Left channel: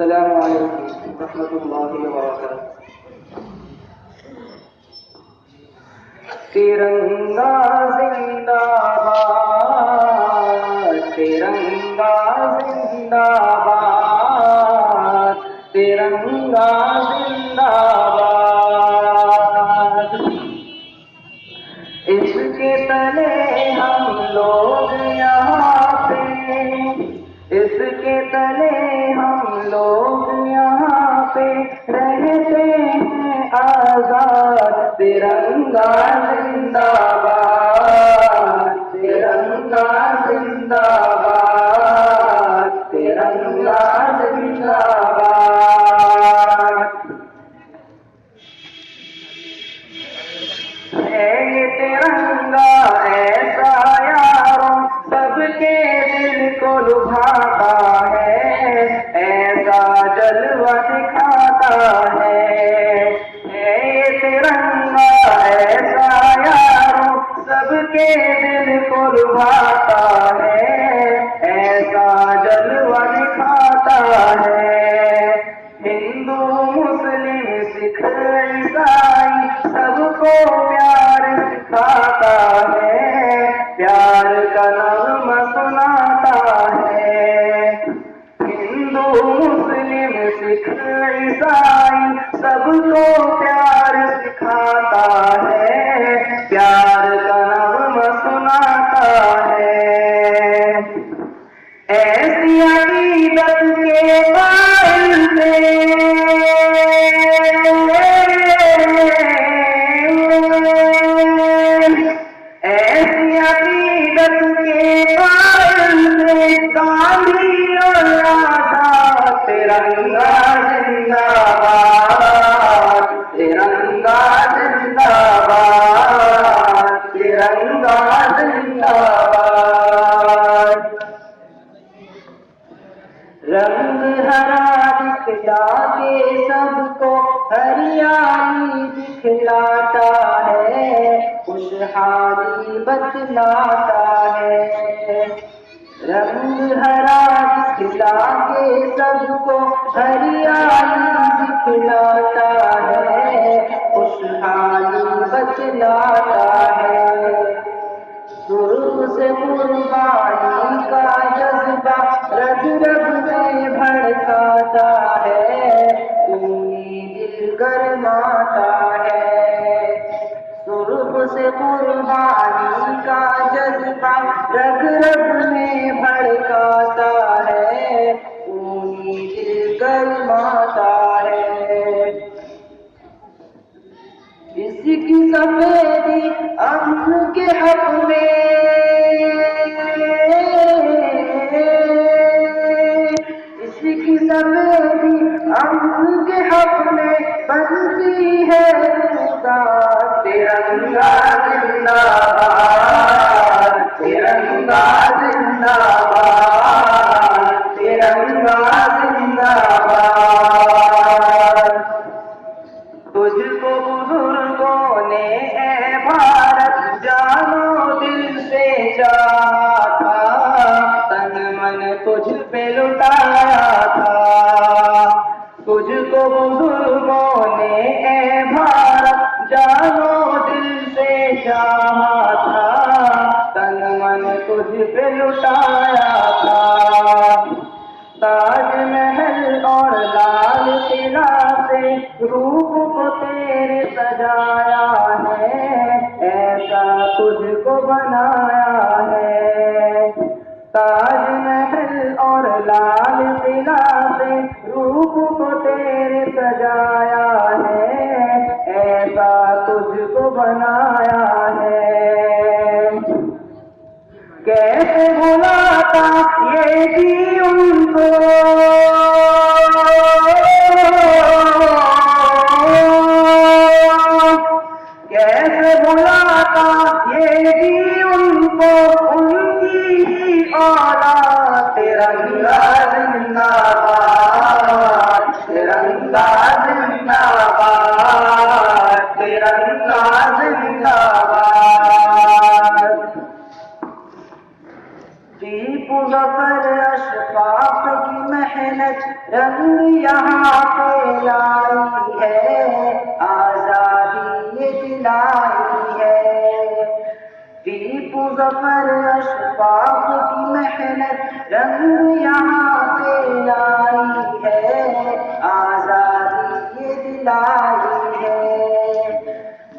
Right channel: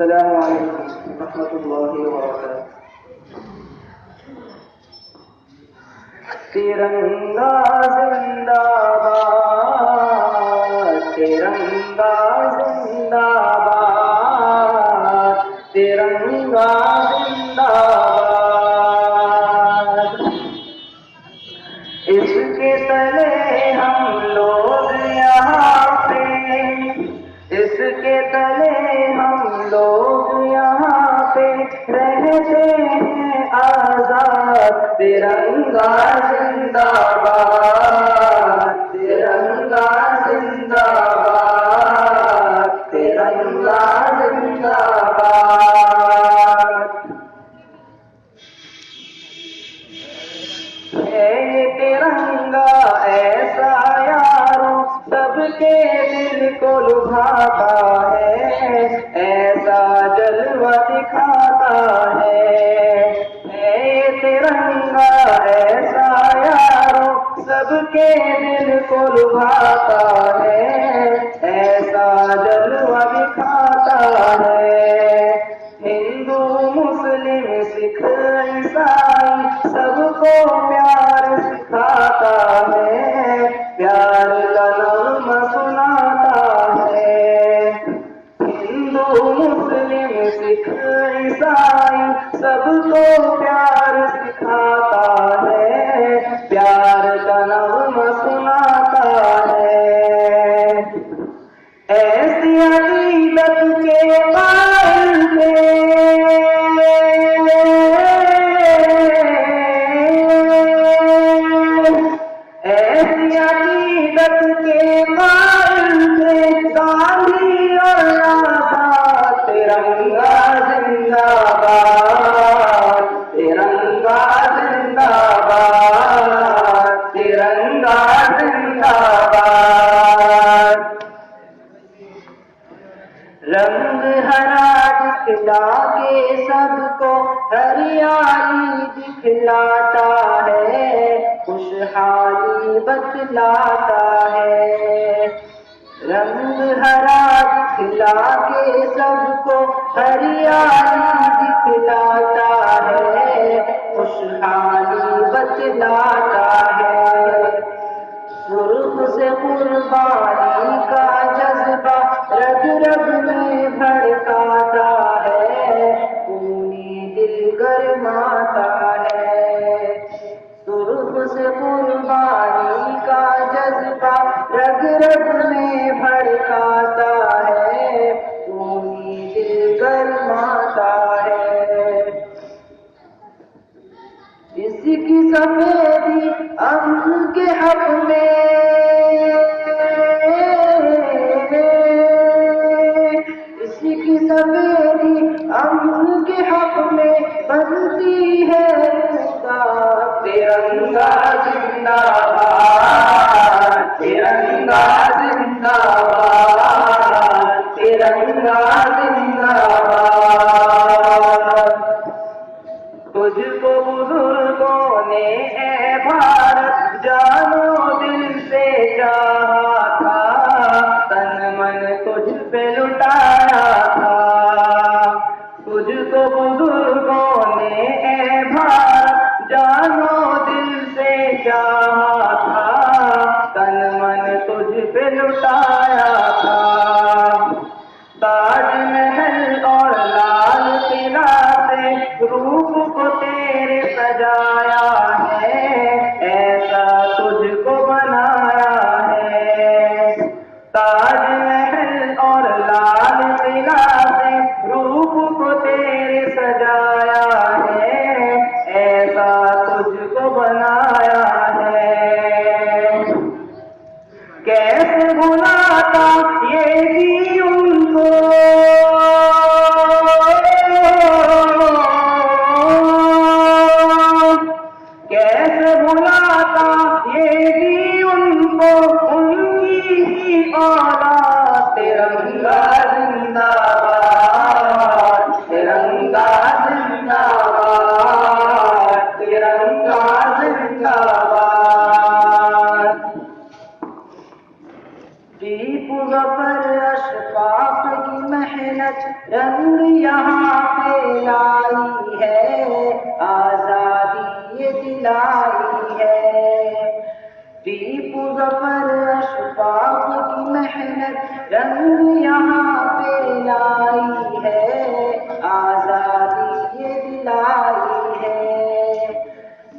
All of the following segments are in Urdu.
السلام علیکم ورحمۃ اللہ وبرکاتہ۔ ترنگا زندہ باد، ترنگا زندہ باد، ترنگا زندہ باد۔ اس کے تلے ہم لوگ یہاں پہ، اس کے تلے ہم لوگ یہاں پہ رہتے ہیں آزاد۔ ترنگا زندہ باد، ترنگا زندہ باد، ترنگا زندہ باد۔ ہے یہ ترنگا ایسا یارو سب کے دل کو لبھاتا ہے، ایسا جلوہ دکھاتا ہے۔ یہ ترنگا ایسا یارو سب کے دل کو لبھاتا ہے، ایسا جلوہ دکھاتا ہے۔ ہندو مسلم سکھ عیسائی سب کو پیار سکھاتا ہے، پیار کا نغمہ سناتا ہے۔ ہندو مسلم سکھ عیسائی سب کو پیار سکھاتا ہے، پیار کا نغمہ سناتا ہے۔ ایسی عقیدت کے قائل تھے، ایسی عقیدت کے قائل تھے گاندھی اور آزاد۔ ترنگا زندہ باد، ترنگا زندہ باد، ترنگا زندہ باد۔ رنگ ہرا دکھلا کے سب کو ہریالی دکھلاتا ہے، خوشحالی بتلاتا ہے۔ رنگ ہرا دکھلا کے سب کو ہریالی دکھلاتا ہے، خوشحالی بتلاتا ہے۔ سرخ سے قربانی کا جذبہ رگ رگ میں بھڑکاتا ہے، خونی دل گرماتا ہے۔ سرخ سے قربانی کا جذبہ رگ رگ میں بھڑکاتا ہے، خونی دل گرماتا ہے۔ اس کی سفیدی امن کے حق میں، اس کی سفیدی امن کے حق میں بنتی ہے روداد۔ ترنگا زندہ باد، ترنگا زندہ باد، ترنگا زندہ باد۔ تجھ کو بزرگوں نے اے بھارت جانو دل سے چاہا تھا، تن من تجھ پہ لٹایا تھا۔ تجھ کو بزرگوں نے اے بھارت جانو دل سے چاہا تھا، تن من تجھ پہ لٹایا تھا۔ تاج محل اور لال قلعہ سے روح کو تیرے سجایا ہے، ایسا تجھ کو بنایا ہے۔ تاج محل اور لال قلعہ سے روح کو تیرے سجایا ہے، ایسا تجھ کو بنایا ہے۔ کیسے بھلاتا یہ بھی ان کو، محنت رنگ یہاں پہ لائی ہے، آزادی یہ دلائی ہے۔ دیپ ظفر اشفاق کی محنت رنگ یہاں پہ لائی ہے، آزادی یہ دلائی ہے۔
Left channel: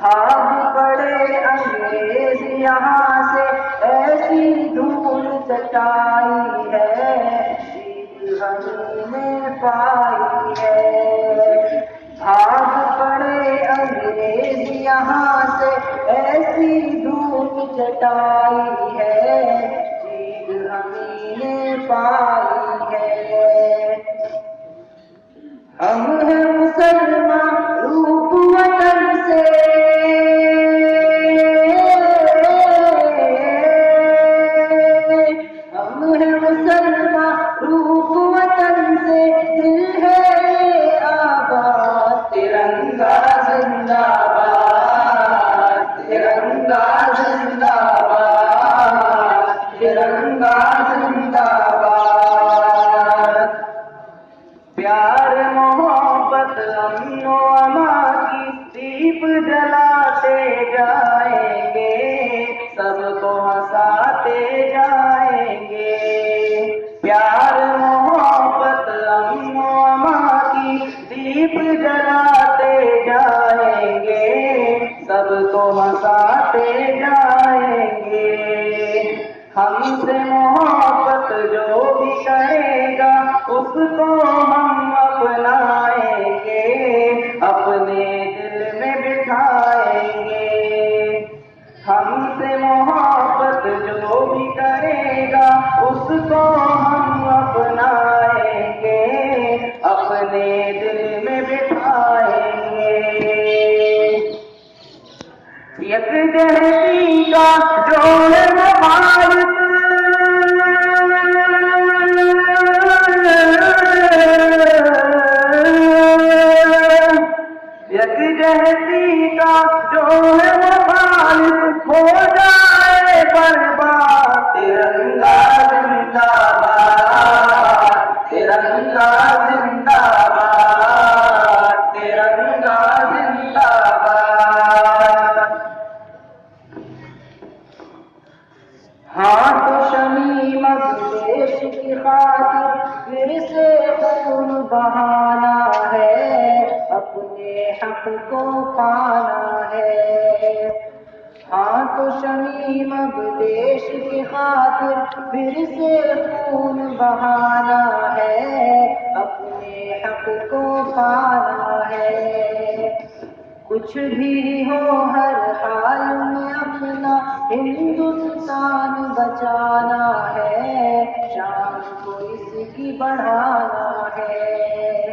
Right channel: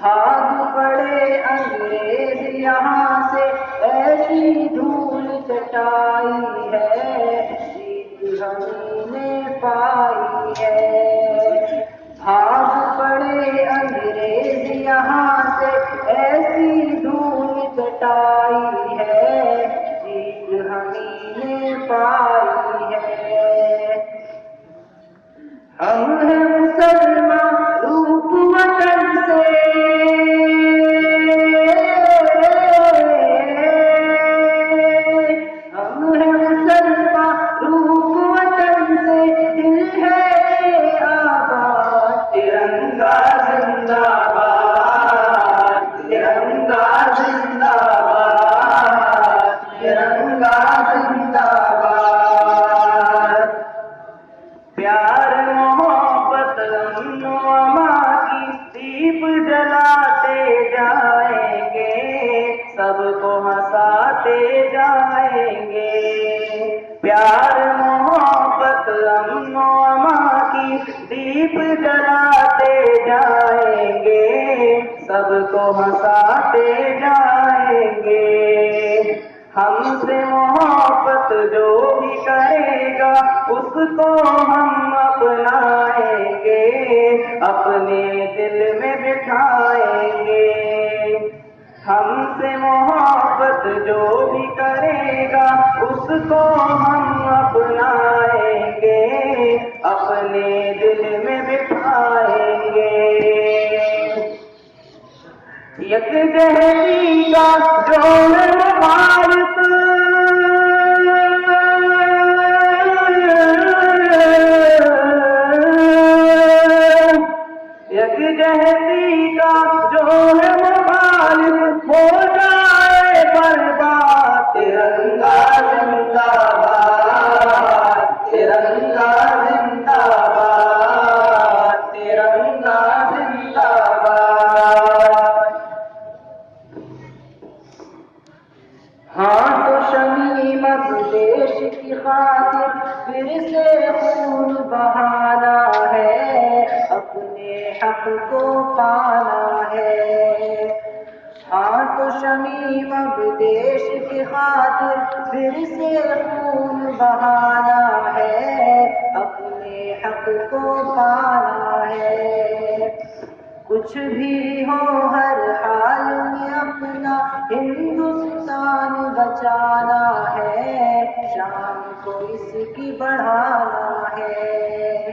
بھاگ پڑے انگریز یہاں سے، ایسی دھول چٹائی ہے، جیت ہم نے پائی ہے۔ بھاگ پڑے انگریز یہاں سے، ایسی دھول چٹائی ہے، جیت ہم نے پائی ہے۔ ہم ہیں مسلمان روپ وطن سے، ہم ہیں مسلمان روپ وطن سے، دل ہے آباد، ترنگا زندہ باد، ترنگا زندہ باد، ترنگا زندہ باد۔ پیار محبت امن و امان کی دیپ جلاتے جائیں گے، سب کو ہنساتے جائیں گے۔ پیار محبت امن و امان کی دیپ جلاتے جائیں گے، سب کو ہنساتے جائیں گے۔ ہم سے محبت جو بھی کرے گا، اس کو ہم اپنائیں گے، اپنے دل میں بٹھائیں گے۔ ہم سے محبت جو بھی کرے گا، اس کو ہم اپنائیں گے، اپنے دل میں بٹھائیں گے۔ یکجہتی کا جوڑ مخالف، یکجہتی کا جوڑ مخالف ہو جائے برباد، ترنگا زندہ باد، ترنگا زندہ باد، ترنگا زندہ باد۔ ہاں تو شمیمت دیش کی خاطر پھر سے خون بہانا ہے، اپنے حق کو پانا ہے۔ ہاں تو شمیمت دیش کی خاطر پھر سے خون بہانا ہے، اپنے حق کو پانا ہے۔ کچھ بھی ہو ہر حال میں اپنا ہندوستان بچانا ہے، شان کو اس کی بڑھانا ہے۔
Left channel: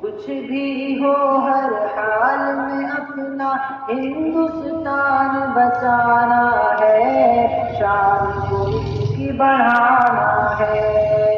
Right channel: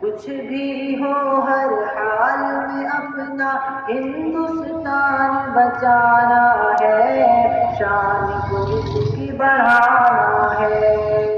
کچھ بھی ہو ہر حال میں اپنا ہندوستان بچانا ہے، شان کو اس کی بڑھانا ہے۔